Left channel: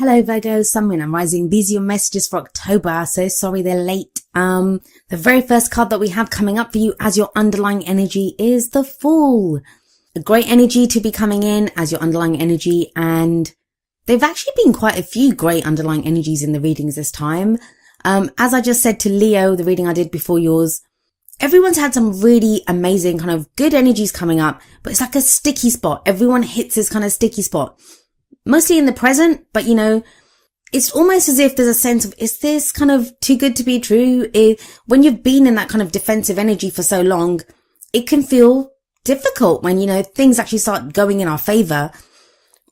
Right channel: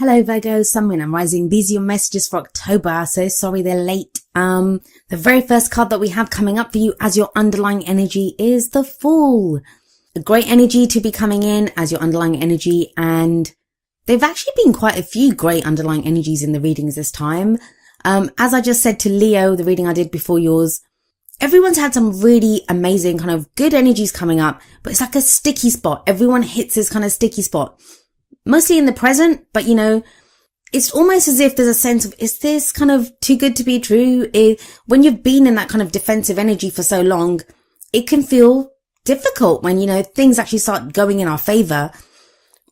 Hello Virgo, Sun, Moon and Rising. These are your messages for October. So sorry they're late. The very first card that we have coming up for you as your underlying energy is the Fool. A great energy to be coming in as your underlying energy, and there've actually been quite a few great underlying energies in the readings this time. As I just said to Leo, the reading I did before yours, everyone's had some really amazing kind of good energies coming up, but it's like a sticky spot. Everyone hits this kind of sticky spot. Mostly in the present, but you know, it's almost as if there's a sense of, is this kind of too good to be true? When you've been in that kind of defensive energy for so long, it can feel difficult when, you know, things actually start going in our favor,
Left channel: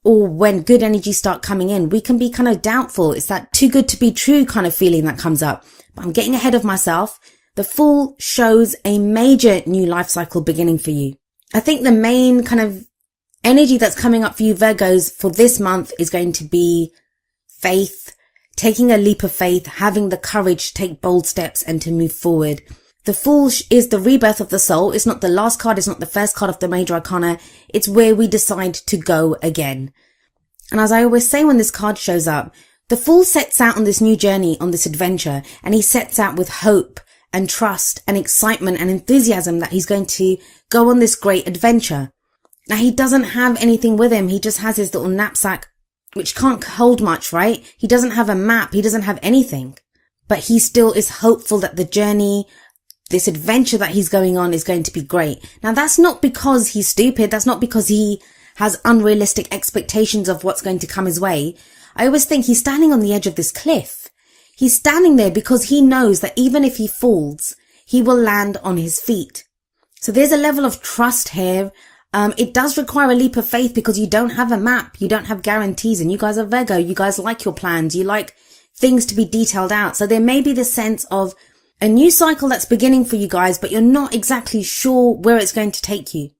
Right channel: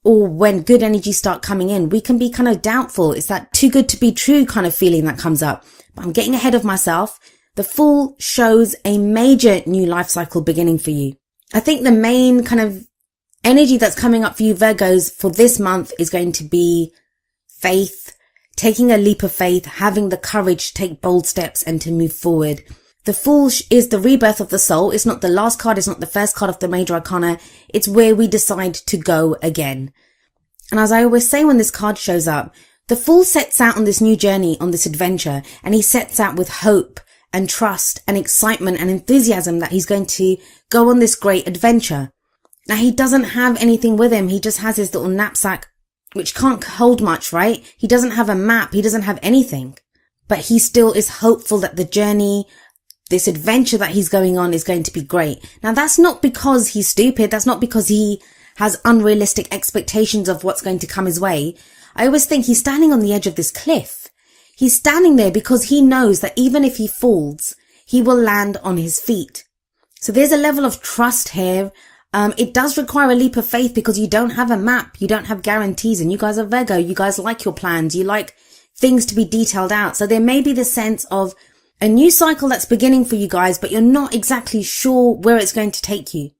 or when good energies start coming in, we can be kind of doubtful. It's that too good to be true kind of feeling that comes up. But I'm getting ahead of myself. The Fool shows a major new life cycle beginning for you. I think the main kind of energy that's coming up for you Virgos for this month is going to be faith, taking a leap of faith, having the courage to take bold steps and to move forward. The Fool is the rebirth of the soul. It's not the last card. It's not the first card of the major arcana. It's where we decide to go again. And as I always say when this card shows up, the Fool sets out on this new journey, on this adventure, and he sets out with hope and trust and excitement and enthusiasm that he's going to go on this great adventure. Now, he doesn't have anything with him. He just has his little knapsack, which can't hold much, right? He doesn't have a map. He doesn't have anything. But he still is hopeful that the journey, this adventure that he's going on, is going to be great. Now, that's not because he's stupid. That's not because he has unrealistic expectations of what's going to come his way. I always think he's standing on the edge of this cliff. He's standing there because he knows that even if he falls, he will land on his feet. So there's a level of trust here. It does require a leap of faith because you don't have a map, you don't have guarantees, and you guys are Virgo, you guys like your plans, you like things to be detailed out. So there may be the sense of a new cycle that's beginning for you guys, but you're not exactly sure where it's going to take you.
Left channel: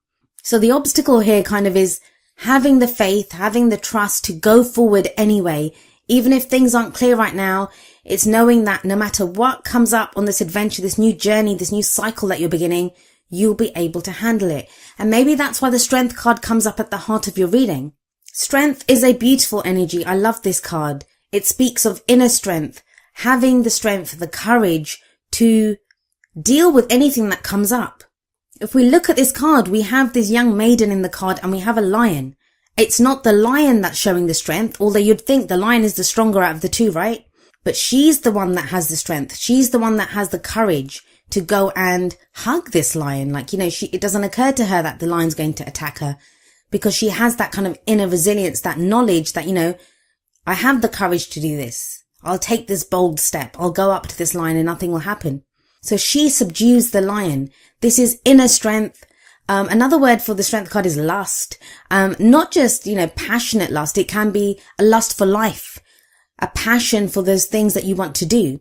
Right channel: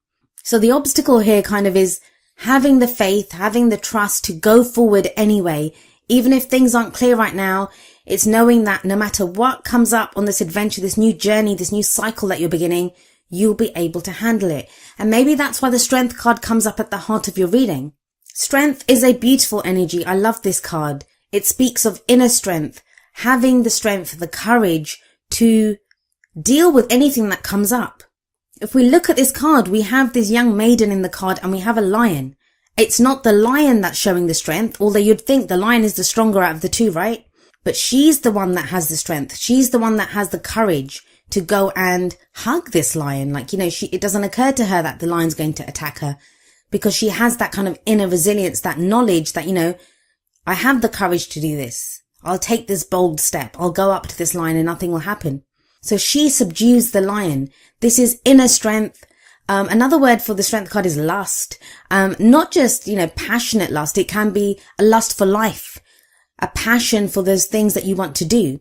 So the obstacle here kind of is having the faith, having the trust to go forward anyway. Even if things aren't clear right now, it's knowing that no matter what comes up on this adventure, this new journey, this new cycle that you're beginning, you'll be able to handle it. And maybe that's why the Strength card comes up at the heart of your reading. Strength is a beautiful energy. I love this card. It speaks of inner strength, having the strength, the courage to deal with anything that comes up. If we look at this card, we have this young maiden in the card and we have a lion. It's not the lion that's showing the strength, although you'd think the lion is the stronger out of the two, right? But she's the one that has the strength. She's the one that has the courage to go and hug this lion. Like, you know, it doesn't occur to her that the lion's going to attack her because she has that kind of inner resilience, that knowledge that, you know, I have the courage to do this. I'll take this bold step. I'll go up to this lion and nothing will happen. So she subdues the lion. This is inner strength. Another word for the Strength card is lust. Not just, you know, passionate lust. It can be a lust for life, a passion for those things that you want to do.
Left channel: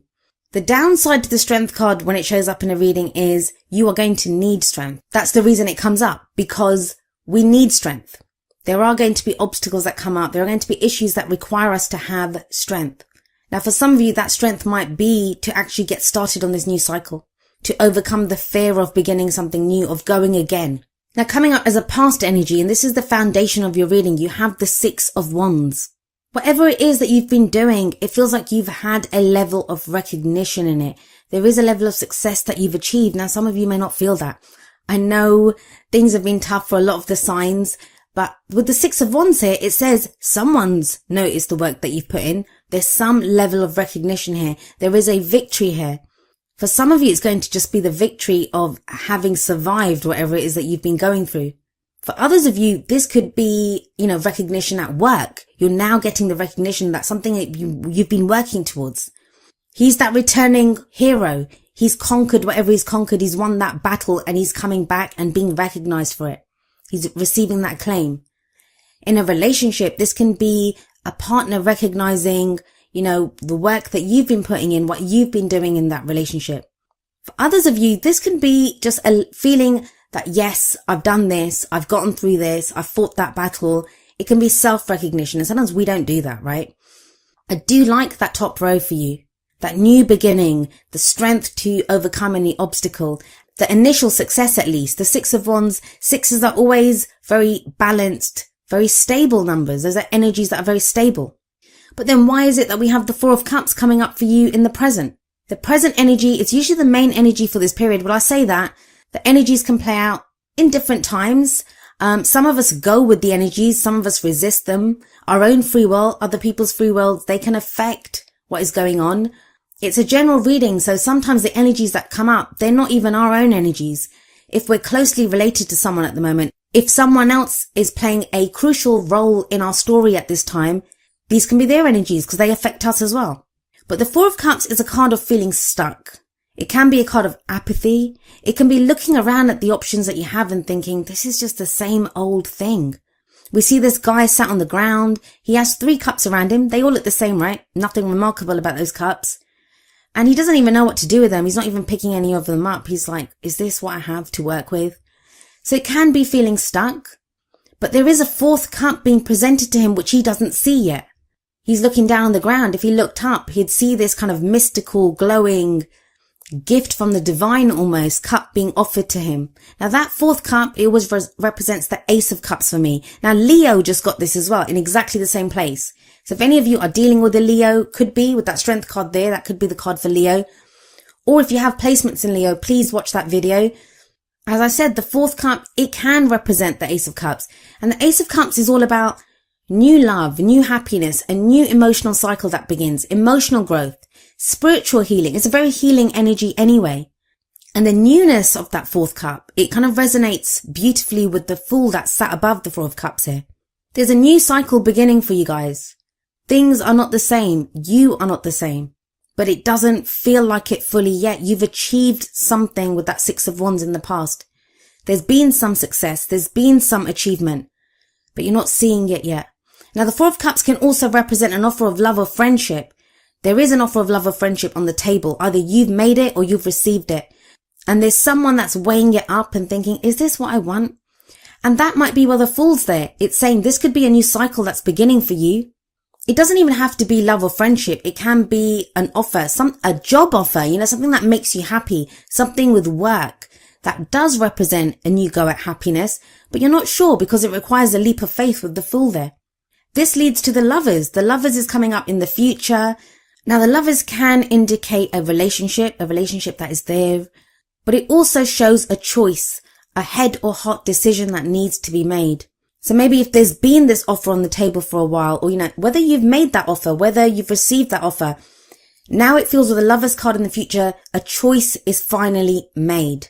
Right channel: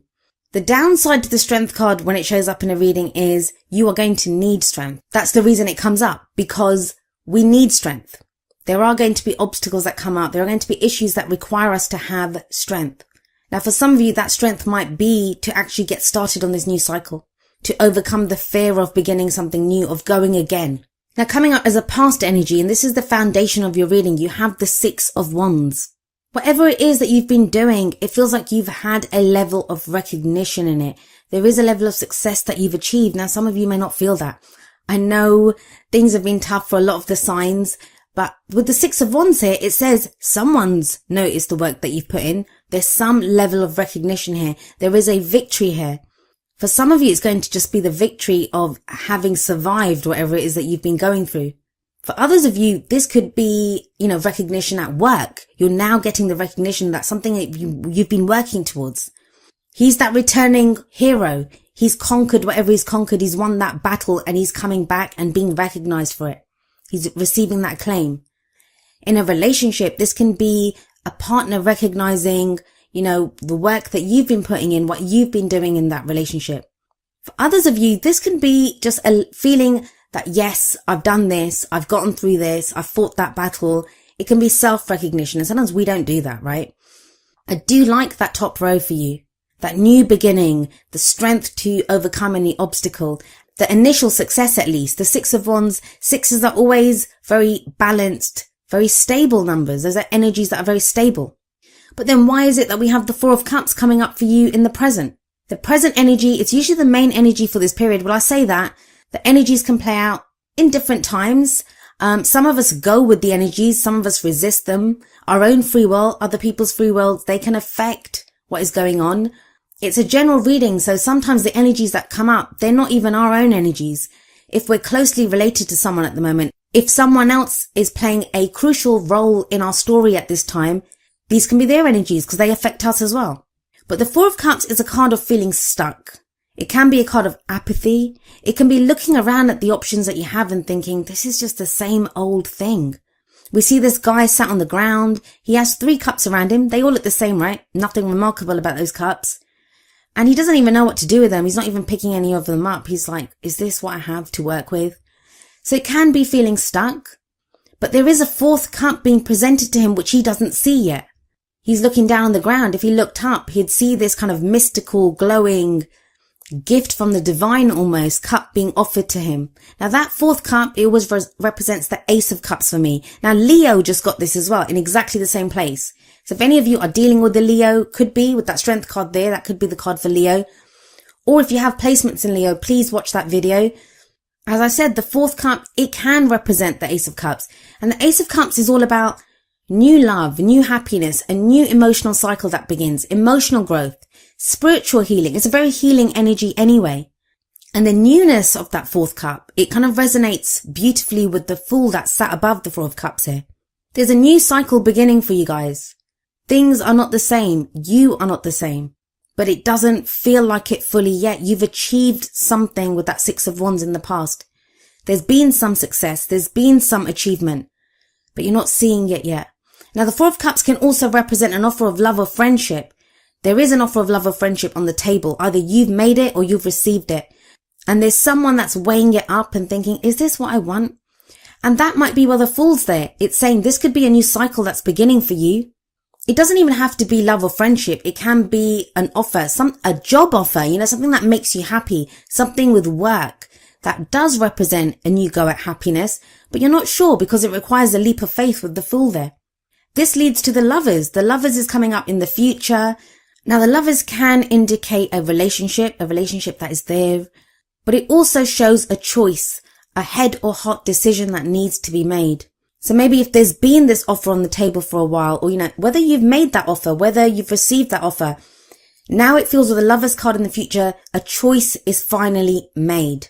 The downside to the Strength card when it shows up in a reading is you are going to need strength. That's the reason it comes up, because we need strength. There are going to be obstacles that come up. There are going to be issues that require us to have strength. Now, for some of you, that strength might be to actually get started on this new cycle, to overcome the fear of beginning something new, of going again. Now, coming up as a past energy, and this is the foundation of your reading, you have the Six of Wands. Whatever it is that you've been doing, it feels like you've had a level of recognition in it. There is a level of success that you've achieved. Now, some of you may not feel that. I know things have been tough for a lot of the signs, but with the Six of Wands here, it says someone's noticed the work that you've put in. There's some level of recognition here. There is a victory here. For some of you, it's going to just be the victory of having survived whatever it is that you've been going through. For others of you, this could be, you know, recognition at work. You're now getting the recognition that something that you've been working towards. He's that returning hero. He's conquered whatever he's conquered. He's won that battle and he's coming back and being recognized for it. He's receiving that claim. In a relationship, this can be a partner recognizing, you know, the work that you've been putting in, what you've been doing in that relationship. For others of you, this can be just a feeling that, yes, I've done this, I've gotten through this, I've fought that battle. It can be self-recognition, and sometimes we don't do that, right? I do like that top row for you. That new beginning, the strength to overcome any obstacle, the initial success at least. The Six of Wands, sixes are always very balanced, very stable numbers. Those are energies that are very stable. But then why is it that we have the Four of Cups coming up for you in the present? The present energy, it's usually the main energy for this period. When I say that, the energies can play out in different times. Some of us go with the energies, some of us resist them. Our own free will, other people's free will, they can affect what is going on. It's a general reading, so sometimes the energies that come up, they're not even our own energies. If we're closely related to someone at the moment, if someone else is playing a crucial role in our story at this time, these can be their energies because they affect us as well. But the Four of Cups is a card of feeling stuck. It can be a card of apathy. It can be looking around at the options that you have and thinking, this is just the same old thing. We see this guy sat on the ground. He has 3 cups around him. They all look the same, right? Nothing remarkable about those cups. And he doesn't even know what to do with them. He's not even picking any of them up. He's like, is this what I have to work with? So it can be feeling stuck. But there is a 4th cup being presented to him which he doesn't see yet. He's looking down on the ground. If he looked up, he'd see this kind of mystical, glowing gift from the divine almost cup being offered to him. Now that 4th cup, it always represents the Ace of Cups for me. Now Leo just got this as well in exactly the same place. So if any of you are dealing with a Leo, could be with that Strength card there, that could be the card for Leo. Or if you have placements in Leo, please watch that video. As I said, the 4th cup, it can represent the Ace of Cups. And the Ace of Cups is all about new love, new happiness, a new emotional cycle that begins, emotional growth, spiritual healing. It's a very healing energy anyway. And the newness of that 4th cup, it kind of resonates beautifully with the Fool that sat above the 4 of Cups here. There's a new cycle beginning for you guys. Things are not the same. You are not the same. But it doesn't feel like it fully yet. You've achieved something with that 6 of Wands in the past. There's been some success. There's been some achievement. But you're not seeing it yet. Now, the 4 of Cups can also represent an offer of love or friendship. There is an offer of love or friendship on the table. Either you've made it or you've received it. And there's someone that's weighing it up and thinking, is this what I want? And that might be where the Fool's there. It's saying this could be a new cycle that's beginning for you. It doesn't even have to be love or friendship. It can be an offer, a job offer, something that makes you happy, something with work that does represent a new go at happiness, but you're not sure because it requires a leap of faith with the Fool there. This leads to the Lovers. The Lovers is coming up in the future. Now, the Lovers can indicate a relationship that is there, but it also shows a choice, a head or heart decision that needs to be made. So maybe if there's been this offer on the table for a while, or, whether you've made that offer, whether you've received that offer, now it feels with the Lovers card in the future, a choice is finally made.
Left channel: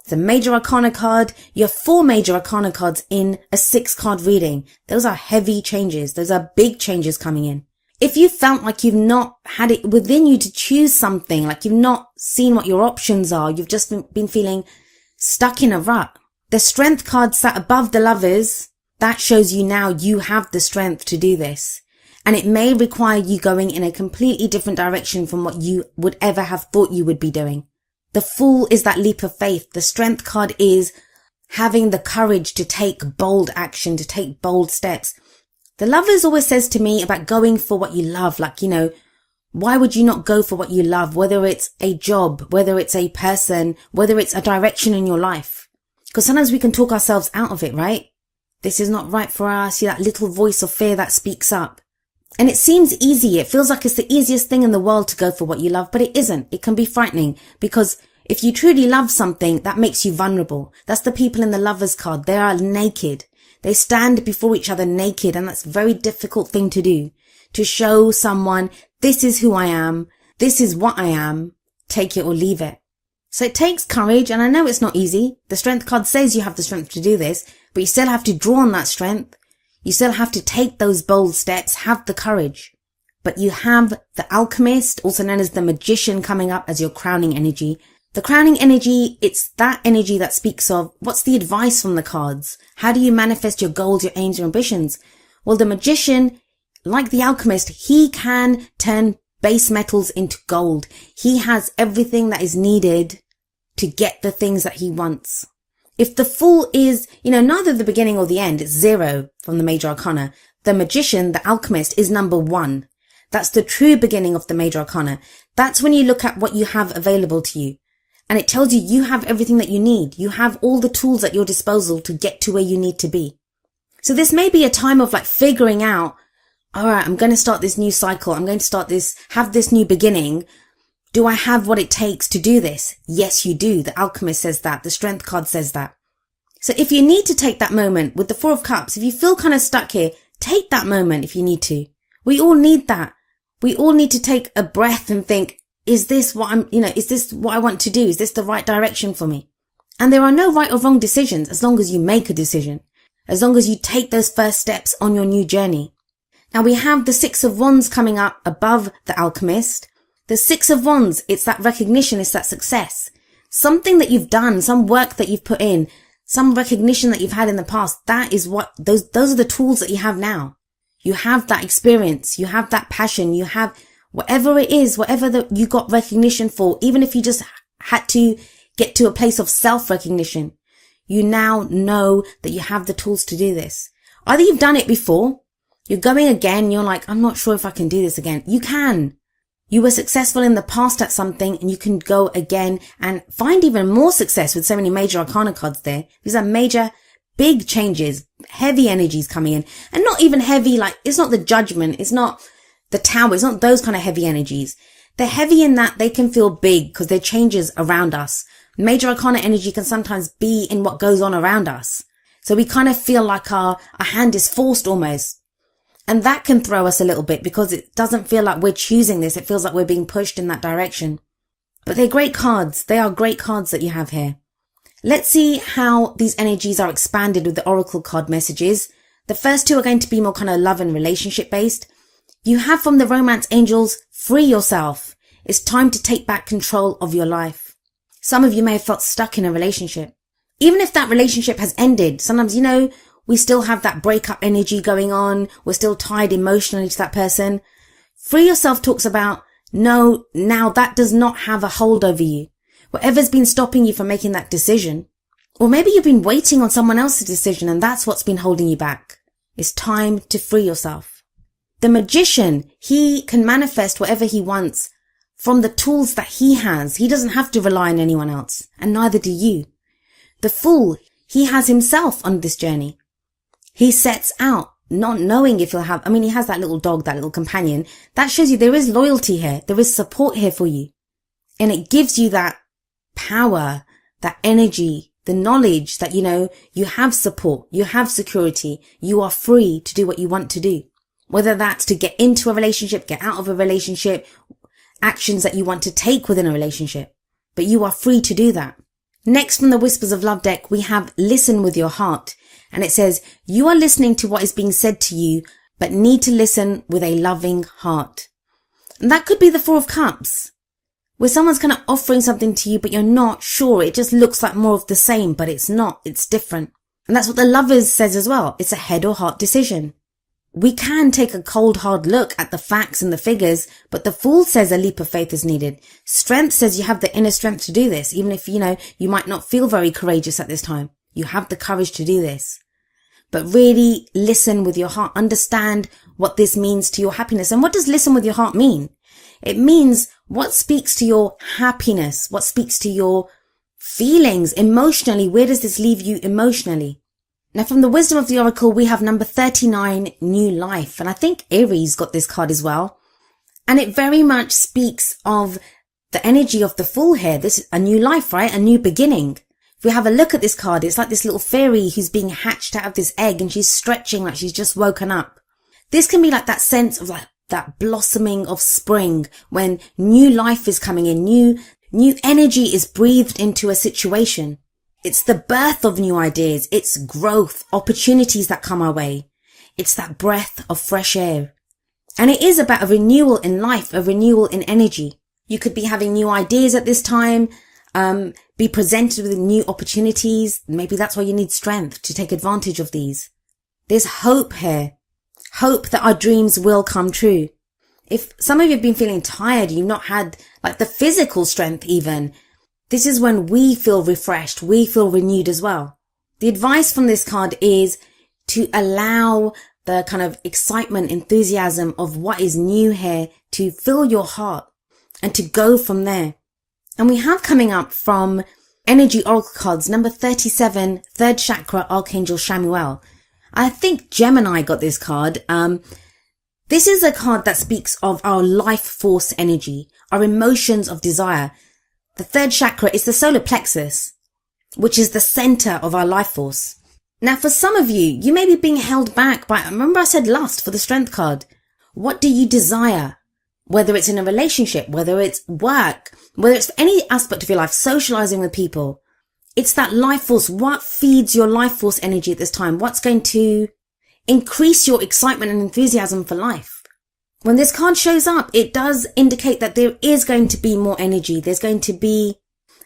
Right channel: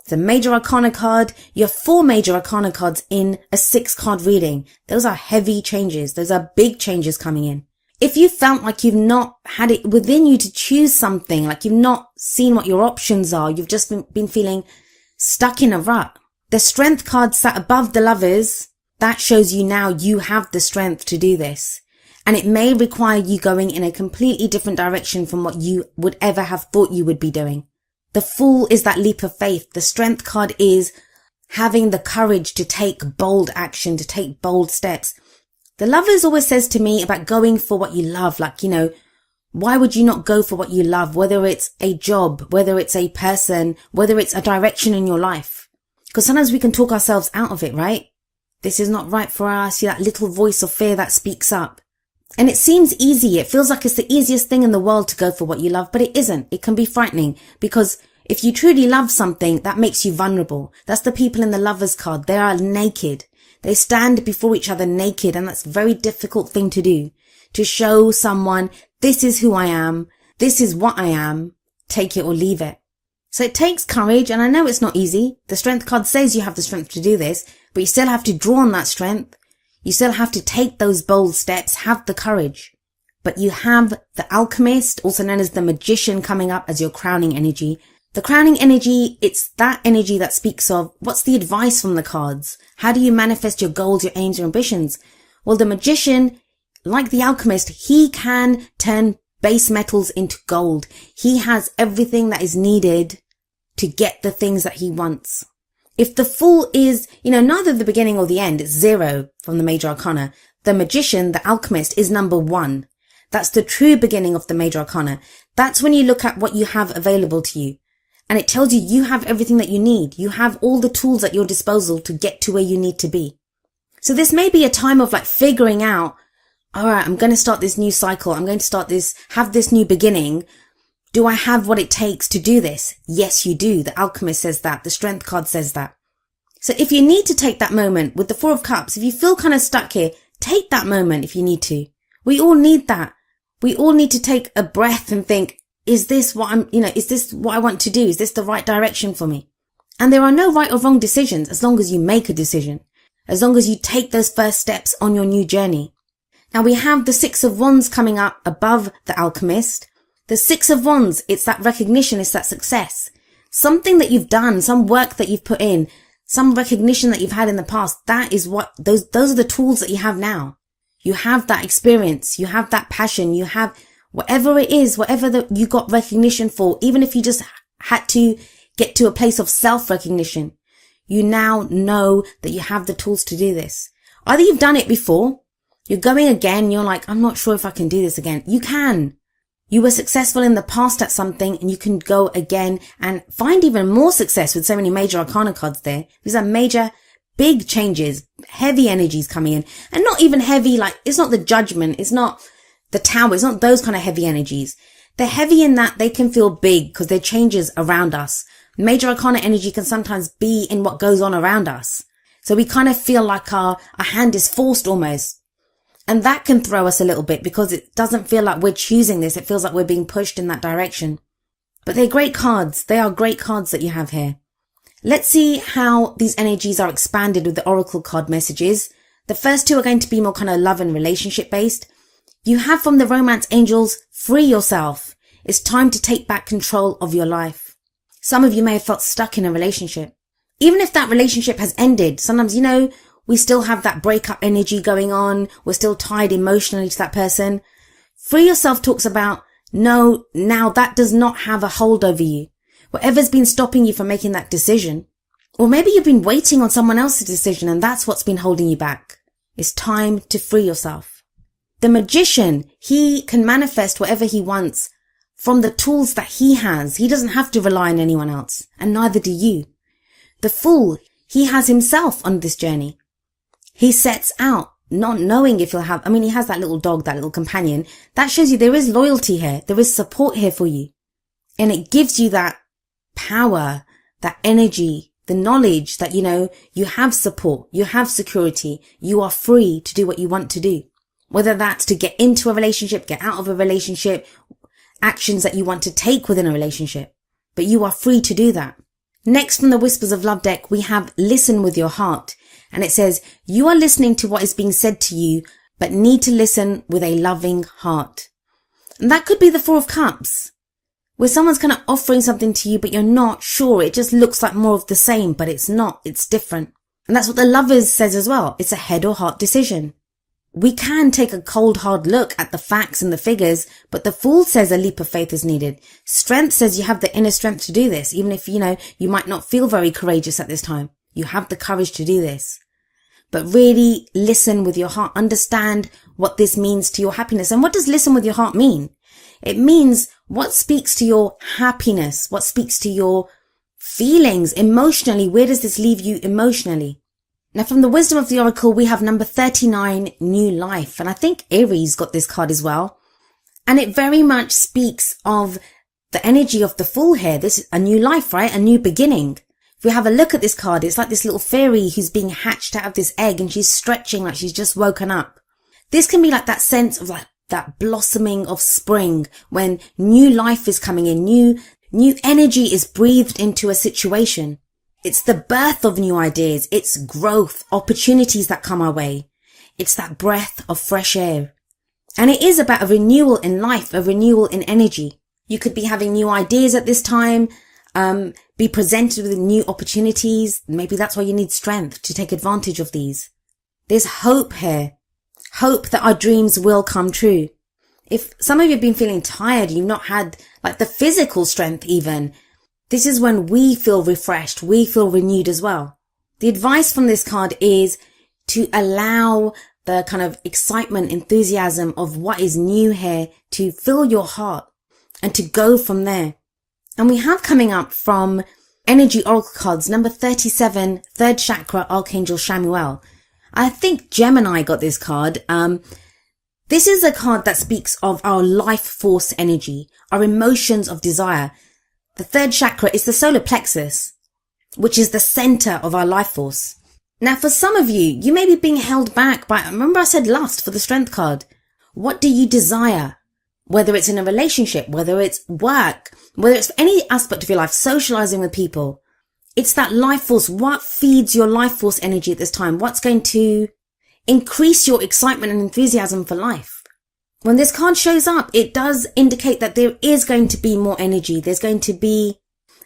It's a Major Arcana card. You have 4 Major Arcana cards in a 6-card reading. Those are heavy changes. Those are big changes coming in. If you felt like you've not had it within you to choose something, like you've not seen what your options are, you've just been feeling stuck in a rut. The Strength card sat above the Lovers. That shows you now you have the strength to do this. And it may require you going in a completely different direction from what you would ever have thought you would be doing. The Fool is that leap of faith. The Strength card is having the courage to take bold action, to take bold steps. The Lovers always says to me about going for what you love. Like, why would you not go for what you love? Whether it's a job, whether it's a person, whether it's a direction in your life. Because sometimes we can talk ourselves out of it, right? This is not right for us. That little voice of fear that speaks up. And it seems easy. It feels like it's the easiest thing in the world to go for what you love, but it isn't. It can be frightening because if you truly love something, that makes you vulnerable. That's the people in the Lovers card. They are naked. They stand before each other naked, and that's a very difficult thing to do. To show someone, this is who I am. This is what I am. Take it or leave it. So it takes courage, and I know it's not easy. The Strength card says you have the strength to do this, but you still have to draw on that strength. You still have to take those bold steps, have the courage. But you have the Alchemist, also known as the Magician, coming up as your crowning energy. The crowning energy, it's that energy that speaks of what's the advice from the cards? How do you manifest your goals, your aims, your ambitions? Well, the Magician, like the Alchemist, he can turn base metals into gold. He has everything that is needed to get the things that he wants. If the Fool is, neither the beginning or the end, it's 0 from the Major Arcana. The Magician, the Alchemist, is number 1. That's the true beginning of the Major Arcana. That's when you look at what you have available to you. And it tells you you have everything that you need. You have all the tools at your disposal to get to where you need to be. So this may be a time of figuring out, all right, I'm going to start this new cycle. I'm going to have this new beginning. Do I have what it takes to do this? Yes, you do. The Alchemist says that. The Strength card says that. So if you need to take that moment with the Four of Cups, if you feel kind of stuck here, take that moment if you need to. We all need that. We all need to take a breath and think, is this what is this what I want to do? Is this the right direction for me? And there are no right or wrong decisions as long as you make a decision, as long as you take those first steps on your new journey. Now we have the Six of Wands coming up above the Alchemist. The Six of Wands, it's that recognition, it's that success. Something that you've done, some work that you've put in, some recognition that you've had in the past. That is what, those are the tools that you have now. You have that experience, you have that passion, you have whatever it is, whatever that you got recognition for, even if you just had to get to a place of self-recognition, you now know that you have the tools to do this. Either you've done it before, you're going again, you're like, I'm not sure if I can do this again. You can. You were successful in the past at something and you can go again and find even more success with so many major arcana cards there. These are major, big changes, heavy energies coming in, and not even heavy, like it's not the Judgment, it's not the Tower, it's not those kind of heavy energies. They're heavy in that they can feel big because they're changes around us. Major arcana energy can sometimes be in what goes on around us. So we kind of feel like our hand is forced almost. And that can throw us a little bit because it doesn't feel like we're choosing this. It feels like we're being pushed in that direction. But they're great cards. They are great cards that you have here. Let's see how these energies are expanded with the Oracle card messages. The first two are going to be more kind of love and relationship based. You have from the Romance Angels, free yourself. It's time to take back control of your life. Some of you may have felt stuck in a relationship. Even if that relationship has ended, sometimes, we still have that breakup energy going on. We're still tied emotionally to that person. Free yourself talks about, no, now that does not have a hold over you. Whatever's been stopping you from making that decision. Or maybe you've been waiting on someone else's decision and that's what's been holding you back. It's time to free yourself. The Magician, he can manifest whatever he wants from the tools that he has. He doesn't have to rely on anyone else, and neither do you. The Fool, he has himself on this journey. He sets out not knowing if he'll have, he has that little dog, that little companion. That shows you there is loyalty here. There is support here for you. And it gives you that power, that energy, the knowledge that, you have support, you have security, you are free to do what you want to do. Whether that's to get into a relationship, get out of a relationship, actions that you want to take within a relationship. But you are free to do that. Next from the Whispers of Love deck, we have Listen with Your Heart. And it says, you are listening to what is being said to you, but need to listen with a loving heart. And that could be the Four of Cups, where someone's kind of offering something to you, but you're not sure. It just looks like more of the same, but it's not. It's different. And that's what the Lovers says as well. It's a head or heart decision. We can take a cold, hard look at the facts and the figures, but the Fool says a leap of faith is needed. Strength says you have the inner strength to do this, even if, you might not feel very courageous at this time. You have the courage to do this. But really listen with your heart. Understand what this means to your happiness. And what does listen with your heart mean? It means what speaks to your happiness, what speaks to your feelings emotionally. Where does this leave you emotionally? Now, from the Wisdom of the Oracle, we have number 39, New Life. And I think Aries got this card as well. And it very much speaks of the energy of the Fool here. This is a new life, right? A new beginning. If we have a look at this card, it's like this little fairy who's being hatched out of this egg and she's stretching like she's just woken up. This can be like that sense of like that blossoming of spring when new life is coming in, new energy is breathed into a situation. It's the birth of new ideas. It's growth, opportunities that come our way. It's that breath of fresh air. And it is about a renewal in life, a renewal in energy. You could be having new ideas at this time, be presented with new opportunities. Maybe that's why you need strength to take advantage of these. There's hope here. Hope that our dreams will come true. If some of you have been feeling tired, you've not had like the physical strength even, this is when we feel refreshed. We feel renewed as well. The advice from this card is to allow the kind of excitement, enthusiasm of what is new here to fill your heart and to go from there. And we have coming up from Energy Oracle cards, number 37, third chakra, Archangel Shamuel. I think Gemini got this card. This is a card that speaks of our life force energy, our emotions of desire. The third chakra is the solar plexus, which is the center of our life force. Now, for some of you, you may be being held back by, remember I said lust for the strength card. What do you desire? Whether it's in a relationship, whether it's work, whether it's any aspect of your life, socializing with people. It's that life force. What feeds your life force energy at this time? What's going to increase your excitement and enthusiasm for life? When this card shows up, it does indicate that there is going to be more energy. There's going to be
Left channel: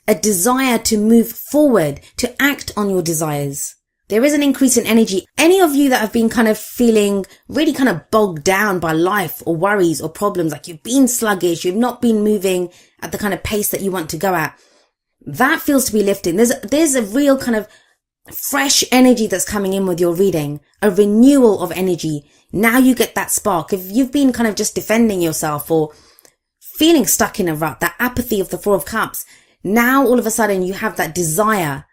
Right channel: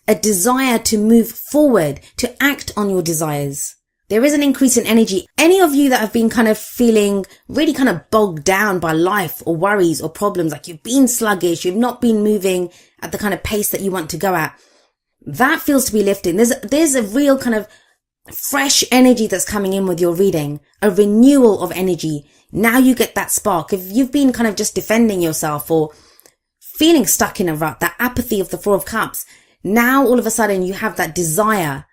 a desire to move forward, to act on your desires. There is an increase in energy. Any of you that have been kind of feeling really kind of bogged down by life or worries or problems, like you've been sluggish, you've not been moving at the kind of pace that you want to go at, that feels to be lifted. There's a real kind of fresh energy that's coming in with your reading, a renewal of energy. Now you get that spark. If you've been kind of just defending yourself or feeling stuck in a rut, that apathy of the Four of Cups, now all of a sudden you have that desire.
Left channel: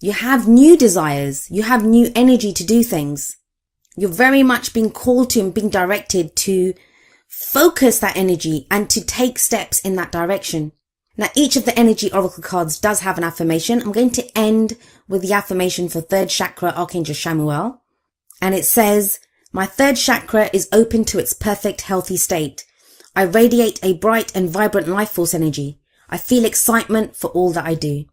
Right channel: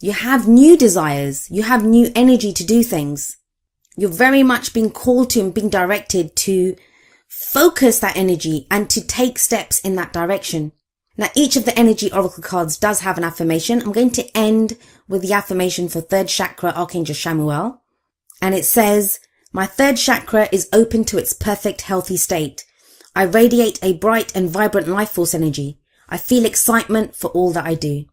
You have new desires. You have new energy to do things. You're very much being called to and being directed to focus that energy and to take steps in that direction. Now, each of the energy oracle cards does have an affirmation. I'm going to end with the affirmation for third chakra, Archangel Chamuel. And it says, my third chakra is open to its perfect, healthy state. I radiate a bright and vibrant life force energy. I feel excitement for all that I do.